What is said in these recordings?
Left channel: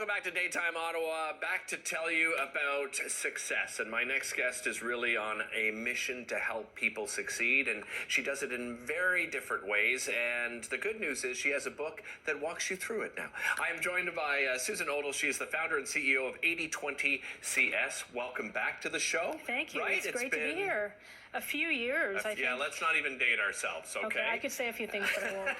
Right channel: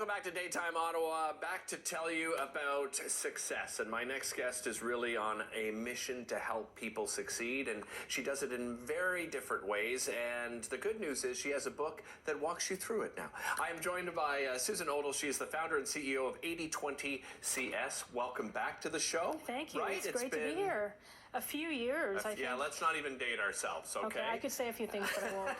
Welcome back to Daytime Ottawa, back to tell you about success. And my next guest is really on a mission to help people succeed, and she does it in very different ways. And the good news is she has a book that walks you through it now. I am joined by Susan Odle. She is the founder and CEO of 80/20 CS. Welcome back to the show. Thank you. Right? It's great to be here. A few years, I think. Yeah, let's not even date ourselves, okay? I could say a few things, but I won't.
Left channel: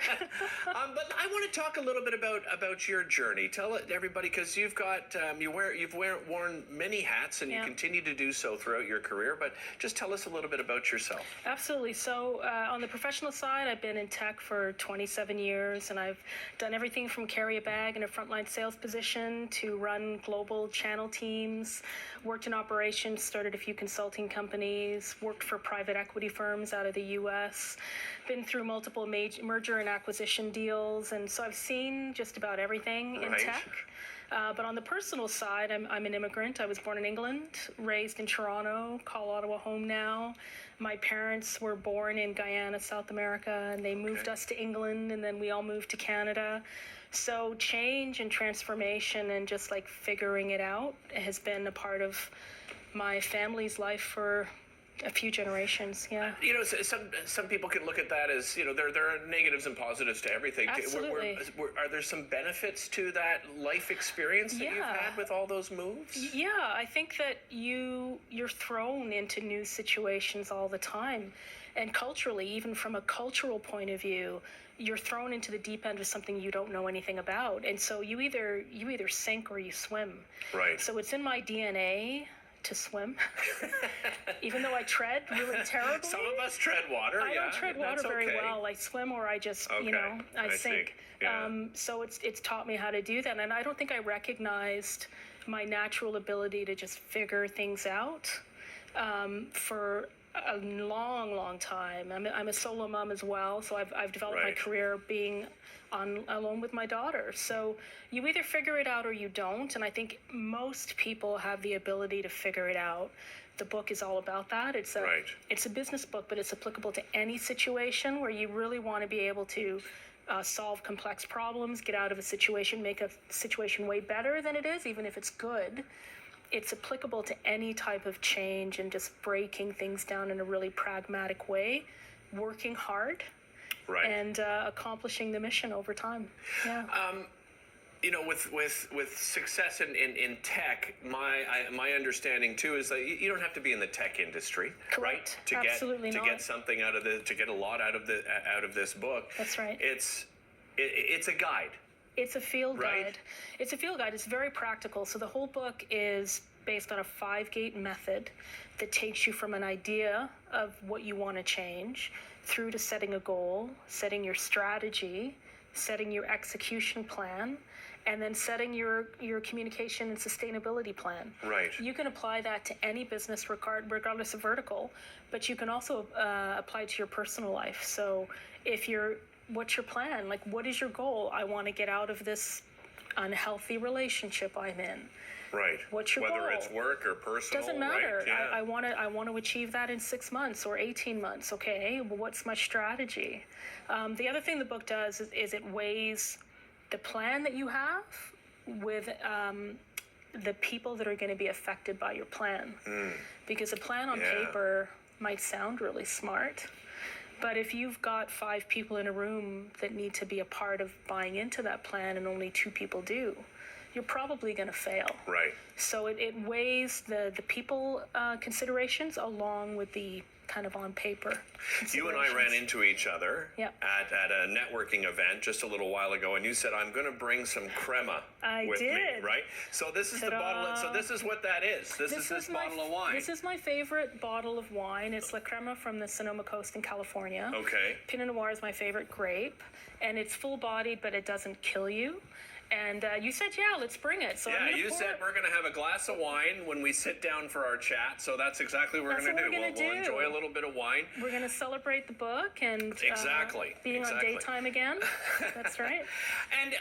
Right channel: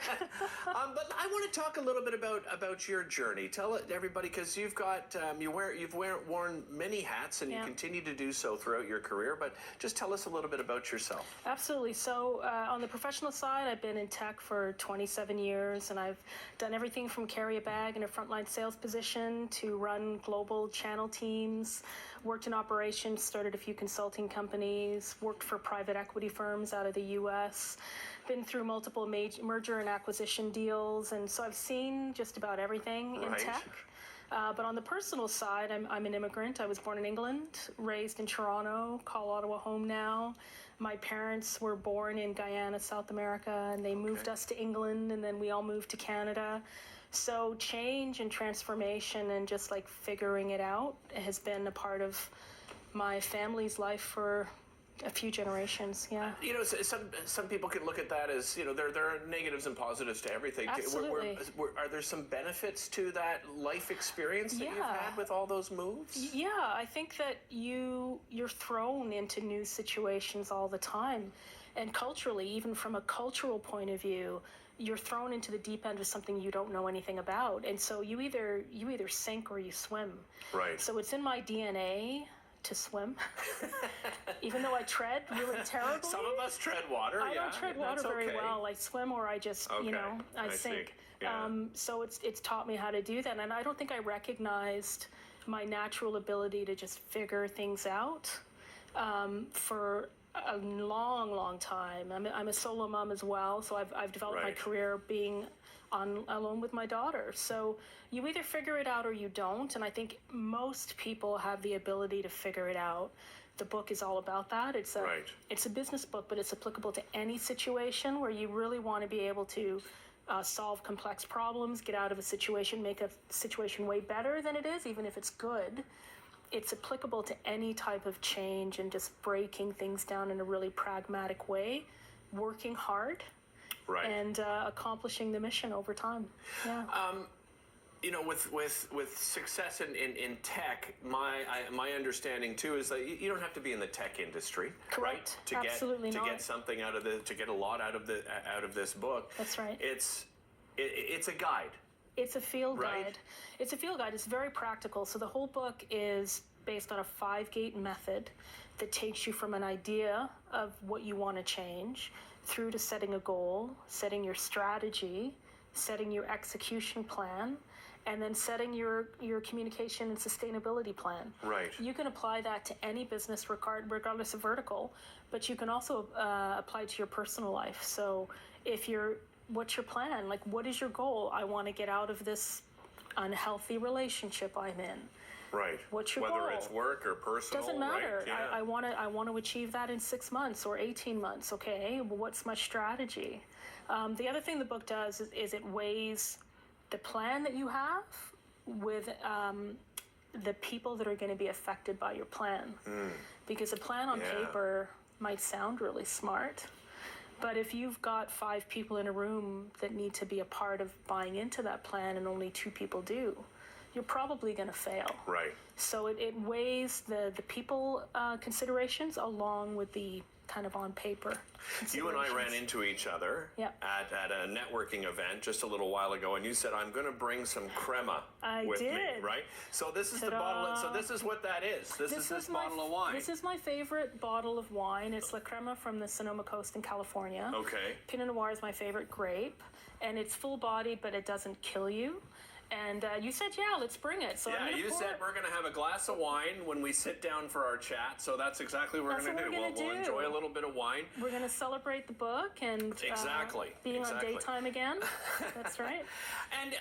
But I want to talk a little bit about your journey. Tell everybody, because you've got you've worn many hats, and you continue to do so throughout your career. But just tell us a little bit about yourself. Absolutely. So on the professional side, I've been in tech for 27 years, and I've done everything from carry a bag in a frontline sales position to run global channel teams. Worked in operations, started a few consulting companies, worked for private equity firms out of the U.S., been through multiple merger and acquisition deals, and so I've seen just about everything in tech. But on the personal side, I'm an immigrant. I was born in England, raised in Toronto, call Ottawa home now. My parents were born in Guyana, South America, and they moved us to England, and then we all moved to Canada. So change and transformation and just like figuring it out has been a part of my family's life for a few generations. You know, some people can look at that as, you know, there are negatives and positives to everything. Absolutely. Are there some benefits to that life experience that you've had with all those moves? Yeah, I think that you're thrown into new situations all the time. And culturally, even from a cultural point of view, you're thrown into the deep end of something you don't know anything about. And so you either sink or you swim. Right. So it's in my DNA to swim, even though I tread really terribly. Some of us tread water. I don't tread water very well. I swim or I just, I sink. Yeah. So it's taught me how to do that. And I don't think I recognized my natural ability to just figure things out for a long time. I'm a solo mom as well, so I've developed my career being alone with my daughter. So you either figure it out or you don't, and I think most people have the ability to figure it out. The book is all about that. It's a business book, but it's applicable to any situation where you really want to be able to solve complex problems, get out of a situation, make a situation way better than it is, even if it's good. It's applicable to any type of change and just breaking things down in a really pragmatic way, working hard, and accomplishing the mission over time. Yeah. You know, with success in tech, my understanding too is that you don't have to be in the tech industry, correct? Right? Absolutely not. To get something to get a lot out of this book. That's right. It's a guide. It's a field guide. It's a field guide. It's very practical. So the whole book is based on a 5-gate method that takes you from an idea of what you want to change through to setting a goal, setting your strategy, setting your execution plan, and then setting your communication and sustainability plan. Right. You can apply that to any business regardless of vertical, but you can also apply it to your personal life. So what's your plan? Like, what is your goal? I want to get out of this unhealthy relationship I'm in. Right. What's your goal? Whether it's work or personal. Doesn't matter. Right? Yeah. I want to achieve that in 6 months or 18 months. Okay. Well, what's my strategy? The other thing the book does is it weighs the plan that you have with the people that are going to be affected by your plan. Because a plan on paper might sound really smart, but if you've got 5 people in a room that need to be a part of buying into that plan and only 2 people do, you're probably going to fail. Right. So it weighs the people considerations along with the kind of on paper. You and I ran into each other at a networking event just a little while ago, and you said, "I'm going to bring some crema with me." Right. So this is the bottle. So this is what that is. This is this bottle of wine. This is my favorite bottle of wine. It's La Crema from the Sonoma Coast in California. Okay. Pinot Noir is my favorite grape, and it's full-bodied, but it doesn't kill you. And you said, let's bring it. So you said we're going to have a glass of wine when we sit down for our chat. So that's exactly what we're going to do. We'll enjoy a little bit of wine. We're going to celebrate the book and being on daytime again. That's right. And,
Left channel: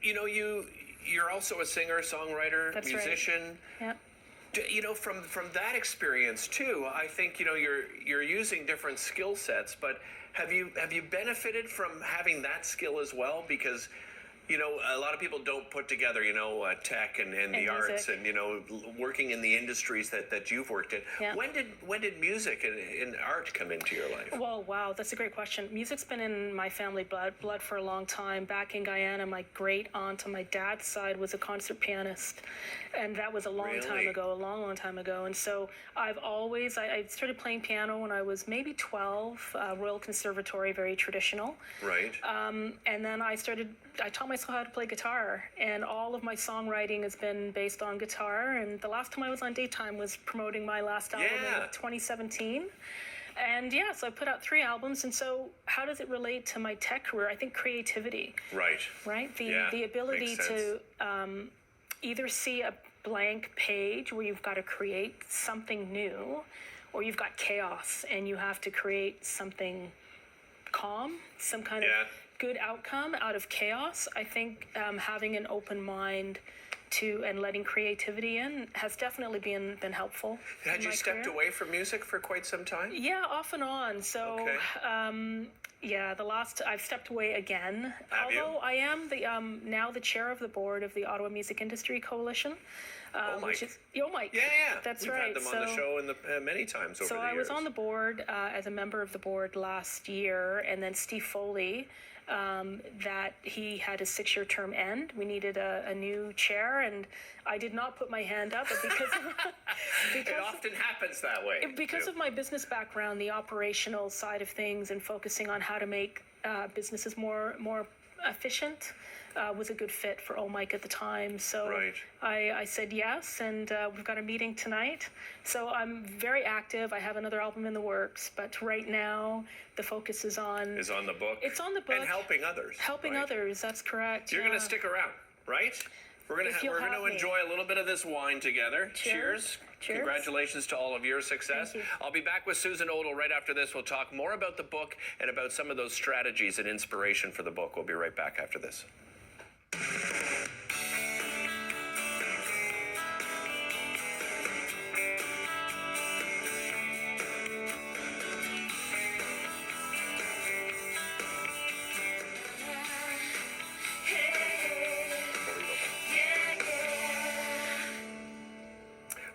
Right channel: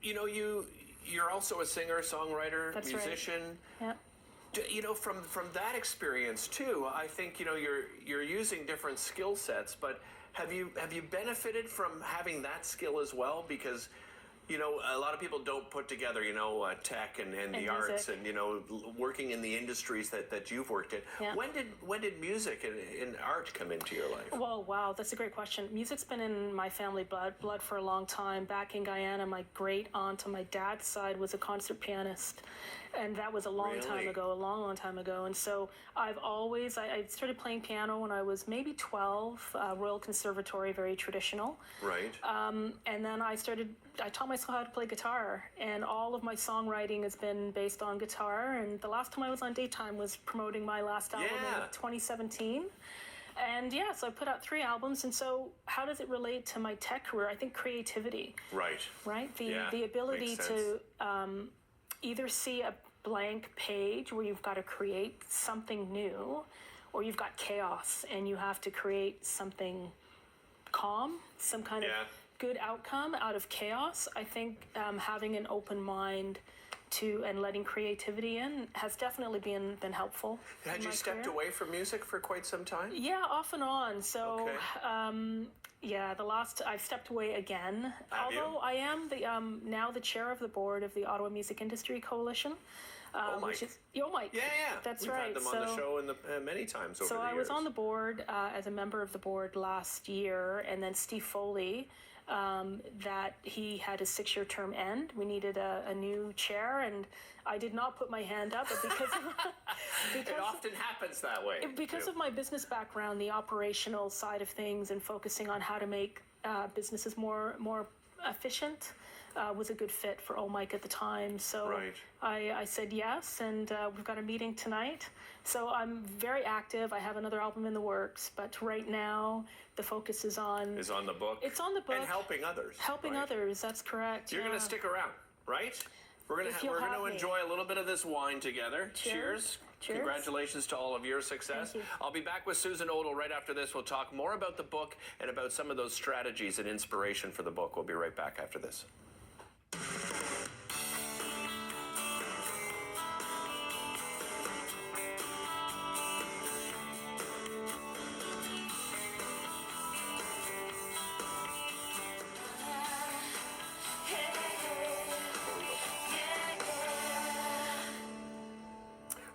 you know, you're also a singer, songwriter, musician. Right. Yeah. You know, from that experience too, I think, you know, you're using different skill sets, but have you benefited from having that skill as well? Because You know, a lot of people don't put together, tech and the music. arts and, working in the industries that you've worked in. Yeah. When did music and art come into your life? Well, wow, that's a great question. Music's been in my family blood for a long time. Back in Guyana, my great aunt on my dad's side was a concert pianist. And that was a long time ago, a long time ago. And so I started playing piano when I was maybe 12, Royal Conservatory, very traditional. Right. And then I taught myself how to play guitar. And all of my songwriting has been based on guitar. And the last time I was on Daytime was promoting my last album in 2017. And so I put out 3 albums. And so how does it relate to my tech career? I think creativity. Right. Right? The ability to either see a blank page where you've got to create something new, or you've got chaos and you have to create something calm, some kind of good outcome out of chaos. I think having an open mind and letting creativity in has definitely been helpful. Had you stepped away from music for quite some time? Yeah, off and on. So I've stepped away again. Although I am now the chair of the board of the Ottawa Music Industry Coalition. Mike. Mike. Yeah. That's We've right. had them on the show many times over the years. So I was on the board as a member of the board last year, and then Steve Foley, that he had his 6-year term end. We needed a new chair, and I did not put my hand up, but because it often happens that way. Because of my business background, the operational side of things, and focusing on how to make businesses more efficient. Was a good fit for Mike at the time. So I said yes, and we've got a meeting tonight. So I'm very active. I have another album in the works, but right now the focus is on the book. It's on the book. And helping others. Helping others, that's correct. You're going to stick around, right? We're going to enjoy a little bit of this wine together. Cheers. Congratulations to all of your success. Thank you. I'll be back with Susan Odle right after this. We'll talk more about the book and about some of those strategies and inspiration for the book. We'll be right back after this.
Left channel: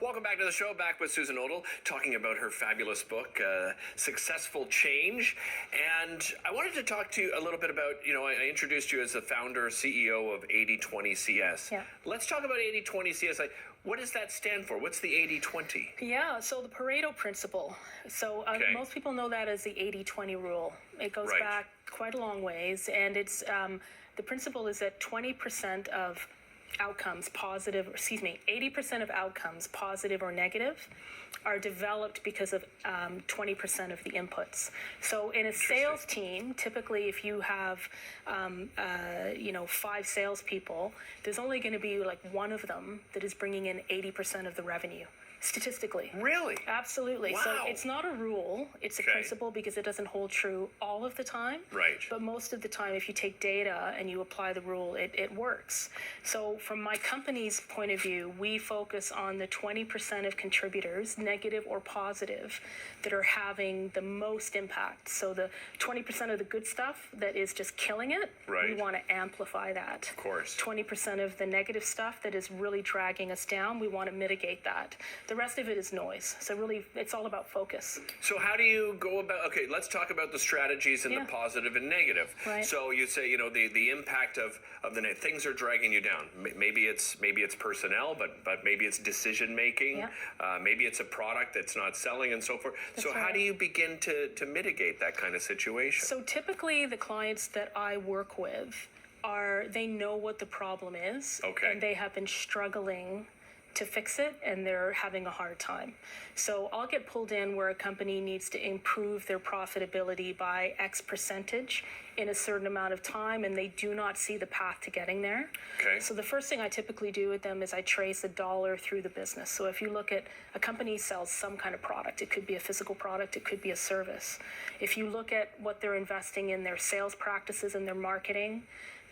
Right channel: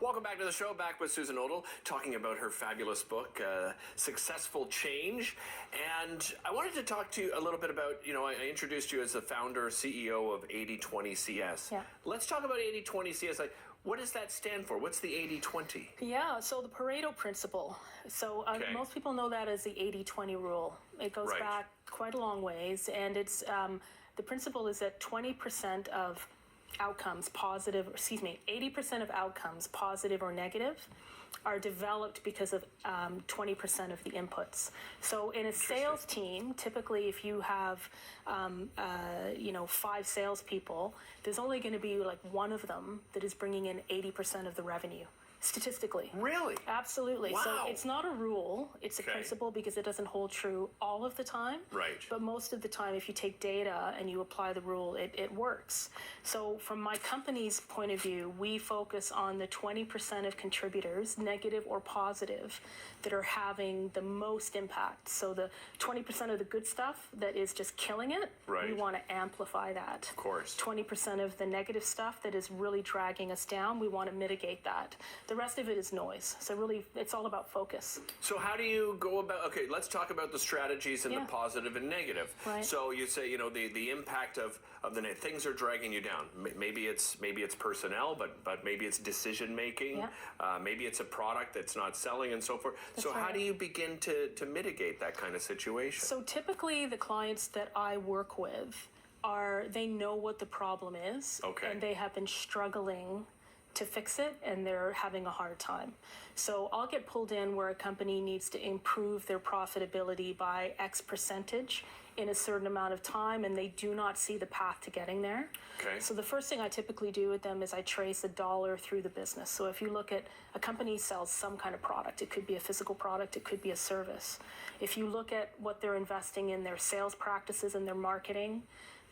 Welcome back to the show, back with Susan Odle, talking about her fabulous book, Successful Change. And I wanted to talk to you a little bit about, I introduced you as the founder, CEO of 80/20 CS. Yeah. Let's talk about 80/20 CS. What does that stand for? What's the 80/20? Yeah, so the Pareto principle. So most people know that as the 80/20 rule. It goes back quite a long ways, and it's the principle is that 20% of outcomes, 80% of outcomes, positive or negative, are developed because of 20% of the inputs. So in a sales team, typically if you have 5 salespeople, there's only going to be like one of them that is bringing in 80% of the revenue. Statistically. Really? Absolutely. Wow. So it's not a rule, it's a principle because it doesn't hold true all of the time. Right. But most of the time, if you take data and you apply the rule, it works. So from my company's point of view, we focus on the 20% of contributors, negative or positive, that are having the most impact. So the 20% of the good stuff that is just killing it, we want to amplify that. Of course. 20% of the negative stuff that is really dragging us down, we want to mitigate that. The rest of it is noise. So really, it's all about focus. So how do you go about, let's talk about the strategies and the positive and negative. Right. So you say, the impact of the things are dragging you down. Maybe it's personnel, but maybe it's decision making. Yeah. Maybe it's a product that's not selling and so forth. So how do you begin to mitigate that kind of situation? So typically the clients that I work with they know what the problem is. Okay. And they have been struggling to fix it, and they're having a hard time. So I'll get pulled in where a company needs to improve their profitability by X percentage in a certain amount of time, and they do not see the path to getting there. Okay. So the first thing I typically do with them is I trace a dollar through the business. So if you look at a company sells some kind of product, it could be a physical product, it could be a service. If you look at what they're investing in their sales practices and their marketing,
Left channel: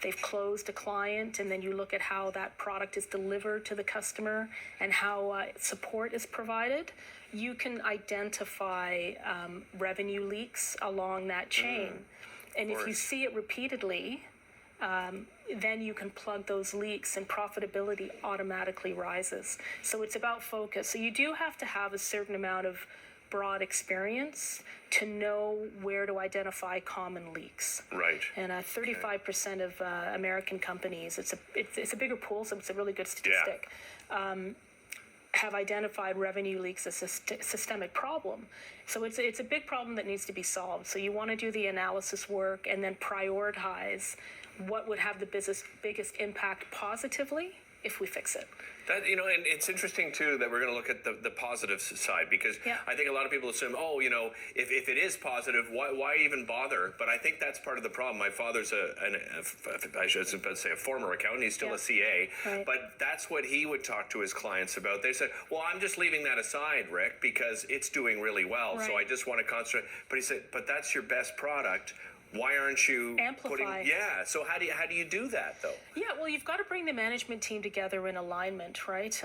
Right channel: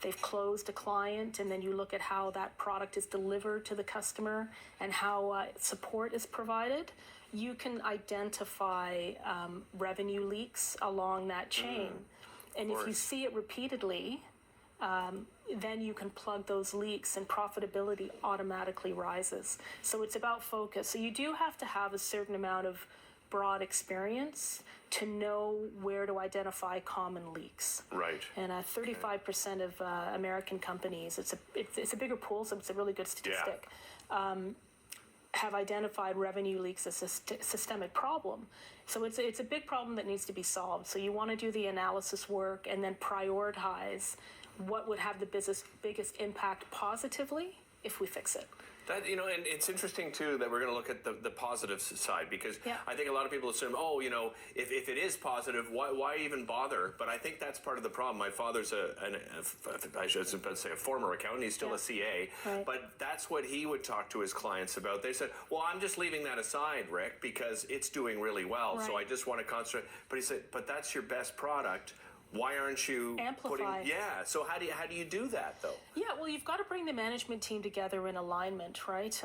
they've closed a client, and then you look at how that product is delivered to the customer and how support is provided, you can identify revenue leaks along that chain. And if you see it repeatedly, then you can plug those leaks and profitability automatically rises. So it's about focus. So you do have to have a certain amount of broad experience to know where to identify common leaks. Right. And 35% of American companies, it's a bigger pool, so it's a really good statistic, have identified revenue leaks as a systemic problem. So it's a big problem that needs to be solved. So you want to do the analysis work and then prioritize what would have the biggest impact positively if we fix it. That, and it's interesting too that we're going to look at the positive side, because I think a lot of people assume, if it is positive, why even bother? But I think that's part of the problem. My father's I should say a former accountant. He's still a CA, but that's what he would talk to his clients about. They said, well, I'm just leaving that aside, Rick, because it's doing really well. So I just want to concentrate. But he said, but that's your best product. Why aren't you amplify? So how do you do that though? Yeah, well, you've got to bring the management team together in alignment, right?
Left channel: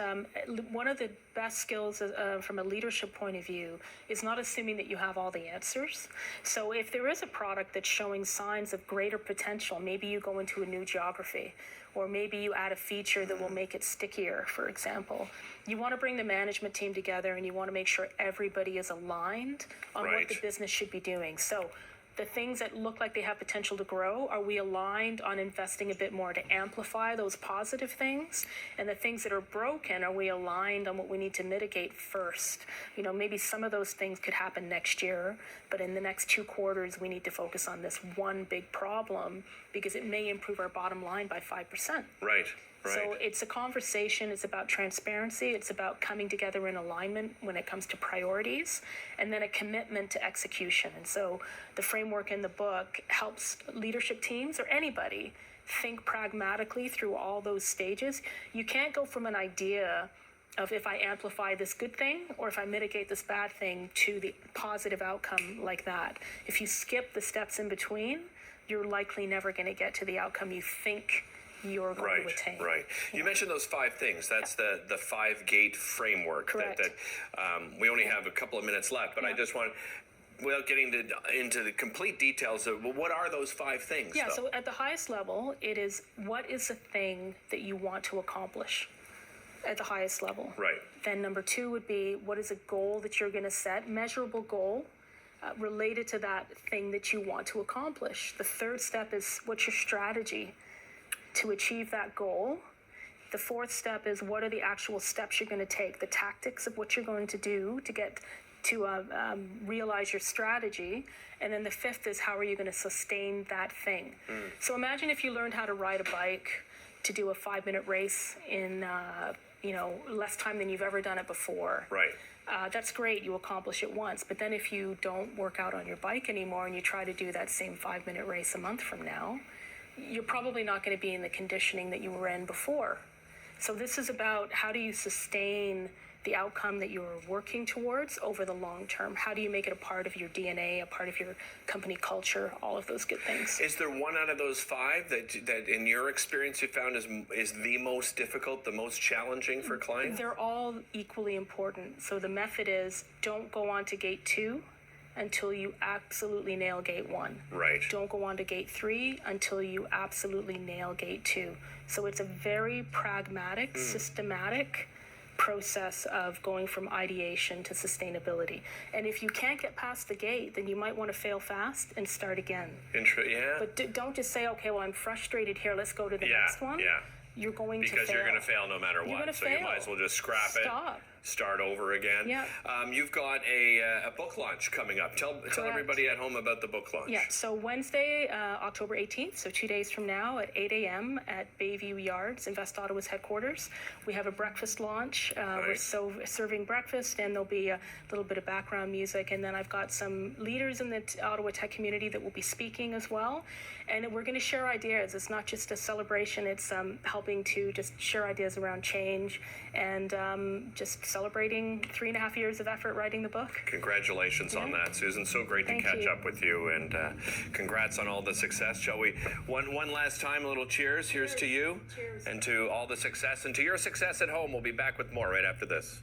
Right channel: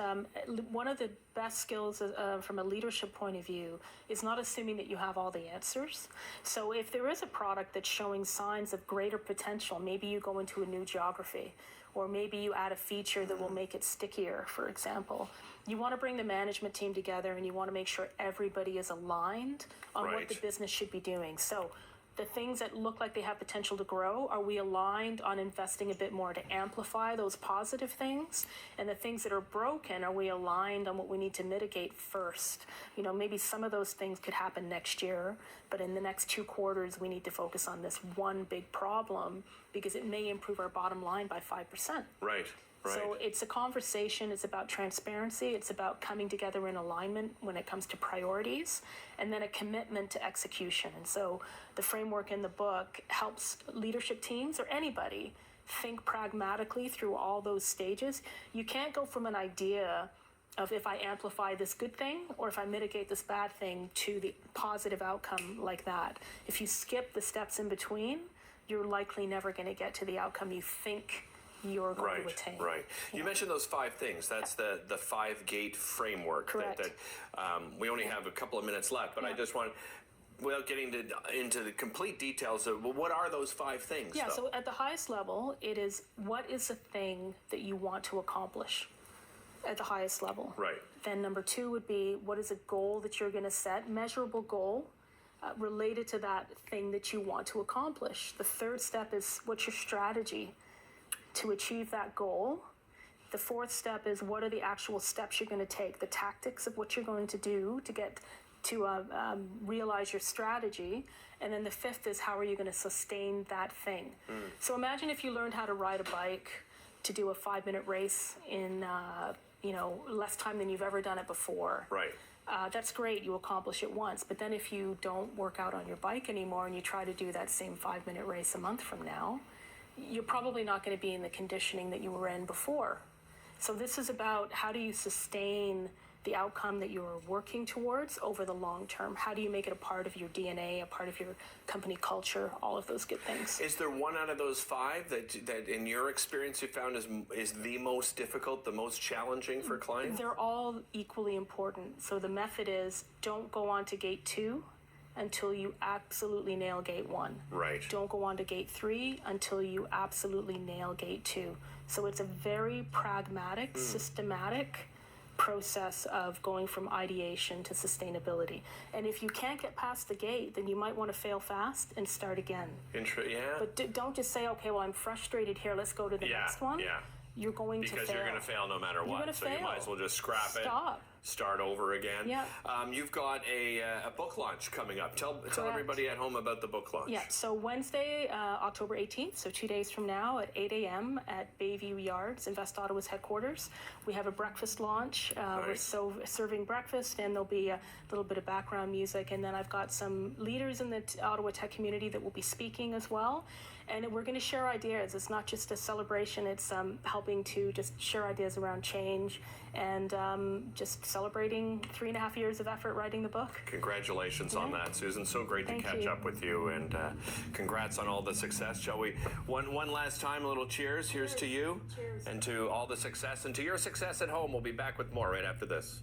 One of the best skills from a leadership point of view is not assuming that you have all the answers. So if there is a product that's showing signs of greater potential, maybe you go into a new geography, or maybe you add a feature that will make it stickier, for example. You want to bring the management team together, and you want to make sure everybody is aligned on what the business should be doing. So the things that look like they have potential to grow, are we aligned on investing a bit more to amplify those positive things? And the things that are broken, are we aligned on what we need to mitigate first? Maybe some of those things could happen next year, but in the next 2 quarters, we need to focus on this one big problem because it may improve our bottom line by 5%. Right. So it's a conversation, it's about transparency, it's about coming together in alignment when it comes to priorities, and then a commitment to execution. And so the framework in the book helps leadership teams or anybody think pragmatically through all those stages. You can't go from an idea of if I amplify this good thing or if I mitigate this bad thing to the positive outcome like that. If you skip the steps in between, you're likely never going to get to the outcome you think you're going to attain. Right. You mentioned those 5 things. That's the 5-gate framework. Correct. That we only have a couple of minutes left, but I just want, without getting into the complete details of what are those 5 things? Yeah. So at the highest level, it is what is the thing that you want to accomplish at the highest level. Right. Then number 2 would be what is a goal that you're going to set, measurable goal. Related to that thing that you want to accomplish. The 3rd step is what's your strategy to achieve that goal. The 4th step is what are the actual steps you're going to take, the tactics of what you're going to do to get to realize your strategy. And then the 5th is how are you going to sustain that thing. So imagine if you learned how to ride a bike to do a 5-minute race in less time than you've ever done it before. Right. That's great, you accomplish it once, but then if you don't work out on your bike anymore and you try to do that same 5-minute race a month from now, you're probably not going to be in the conditioning that you were in before. So this is about how do you sustain the outcome that you're working towards over the long term? How do you make it a part of your DNA, a part of your company culture, all of those good things? Is there one out of those 5 that in your experience you found is the most difficult, the most challenging for clients? They're all equally important. So the method is don't go on to gate 2 until you absolutely nail gate 1. Right. Don't go on to gate 3 until you absolutely nail gate 2. So it's a very pragmatic, systematic process of going from ideation to sustainability. And if you can't get past the gate, then you might want to fail fast and start again. But don't just say, okay, well, I'm frustrated here, let's go to the next one. You're going to fail. Because you're going to fail no matter what. So you might as well just scrap it. Start over again. Yeah. You've got a book launch coming up. Tell everybody at home about the book launch. Yeah, so Wednesday, October 18th, so 2 days from now at 8 a.m. at Bayview Yards, Invest Ottawa's headquarters. We have a breakfast launch. We're serving breakfast, and there'll be a little bit of background music. And then I've got some leaders in the Ottawa tech community that will be speaking as well. And we're going to share ideas. It's not just a celebration. It's helping to just share ideas around change and just celebrating 3.5 years of effort writing the book. Congratulations on that, Susan. So great to catch up with you, and congrats on all the success. Shall we? One last time, a little cheers. Here's to you. Cheers. And to all the success and to your success at home. We'll be back with more right after this.